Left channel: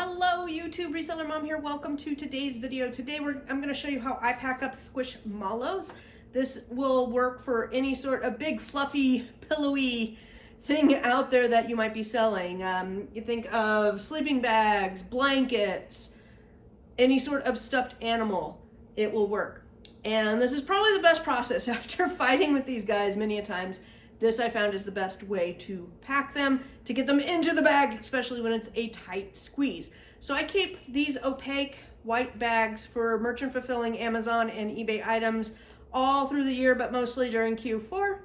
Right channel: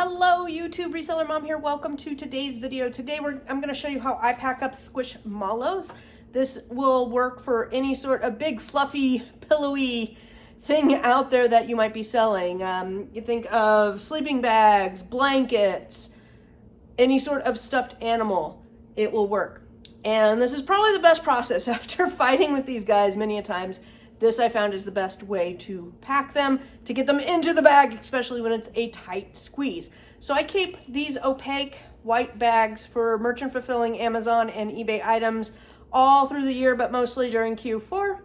Hello YouTube, Reseller Mom here. Welcome to today's video. Today I'm going to show you how I pack up Squishmallows. This will work for any sort of big fluffy pillowy thing out there that you might be selling. You think of sleeping bags, blankets, any sort of stuffed animal, it will work. And this is probably the best process after fighting with these guys many a times. This I found is the best way to pack them, to get them into the bag, especially when it's a tight squeeze. So I keep these opaque white bags for merchant fulfilling Amazon and eBay items all through the year, but mostly during Q4.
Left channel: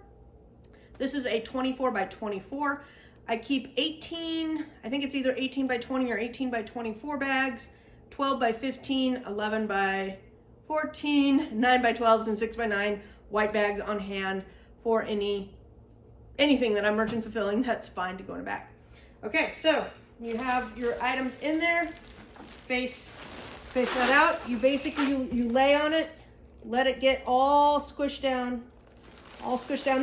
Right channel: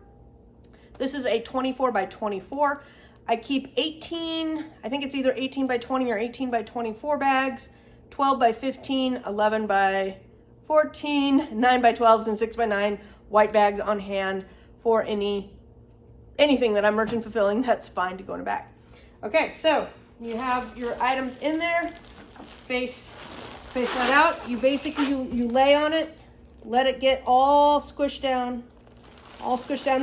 This is a 24 by 24. I keep 18, I think it's either 18 by 20 or 18 by 24 bags, 12 by 15, 11 by 14, 9 by 12s, and 6 by 9 white bags on hand for anything that I'm merchant fulfilling that's fine to go in a bag. Okay, so you have your items in there, face that out. You basically, you lay on it, let it get all squished down,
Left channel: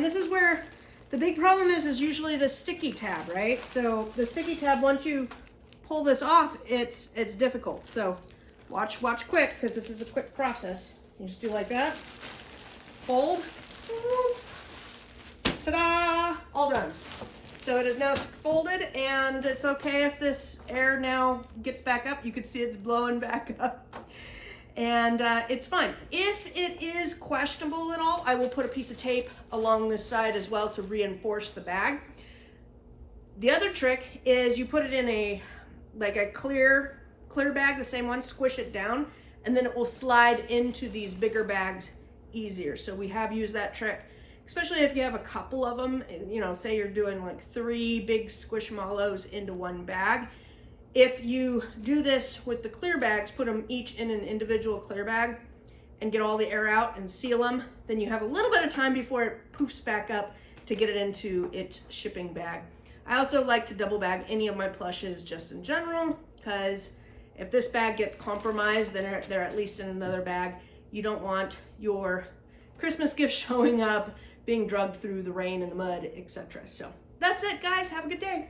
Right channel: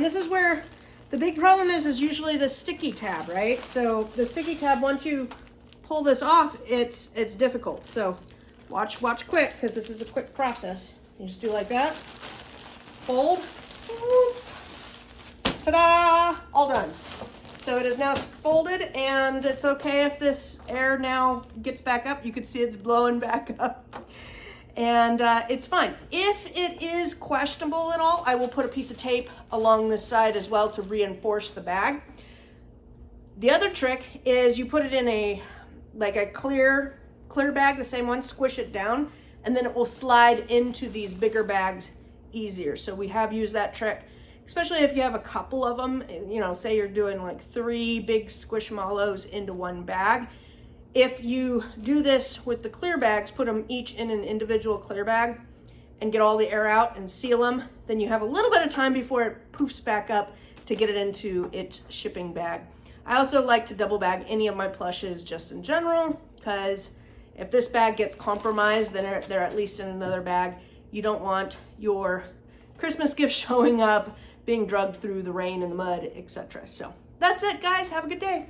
This is where the big problem is usually the sticky tab, right? So the sticky tab, once you pull this off, it's difficult. So watch quick, because this is a quick process. You just do like that, fold, ta-da, all done. So it is now folded, and it's okay if this air now gets back up. You can see it's blowing back up, and it's fine. If it is questionable at all, I will put a piece of tape along this side as well to reinforce the bag. The other trick is you put it in a clear bag, the same one, squish it down, and then it will slide into these bigger bags easier. So we have used that trick, especially if you have a couple of them, you know, say you're doing like 3 big Squishmallows into one bag. If you do this with the clear bags, put them each in an individual clear bag and get all the air out and seal them, then you have a little bit of time before it poofs back up to get it into its shipping bag. I also like to double bag any of my plushes just in general, because if this bag gets compromised, then they're at least in another bag. You don't want your Christmas gift showing up, being drugged through the rain and the mud, etc. So that's it, guys. Have a good day.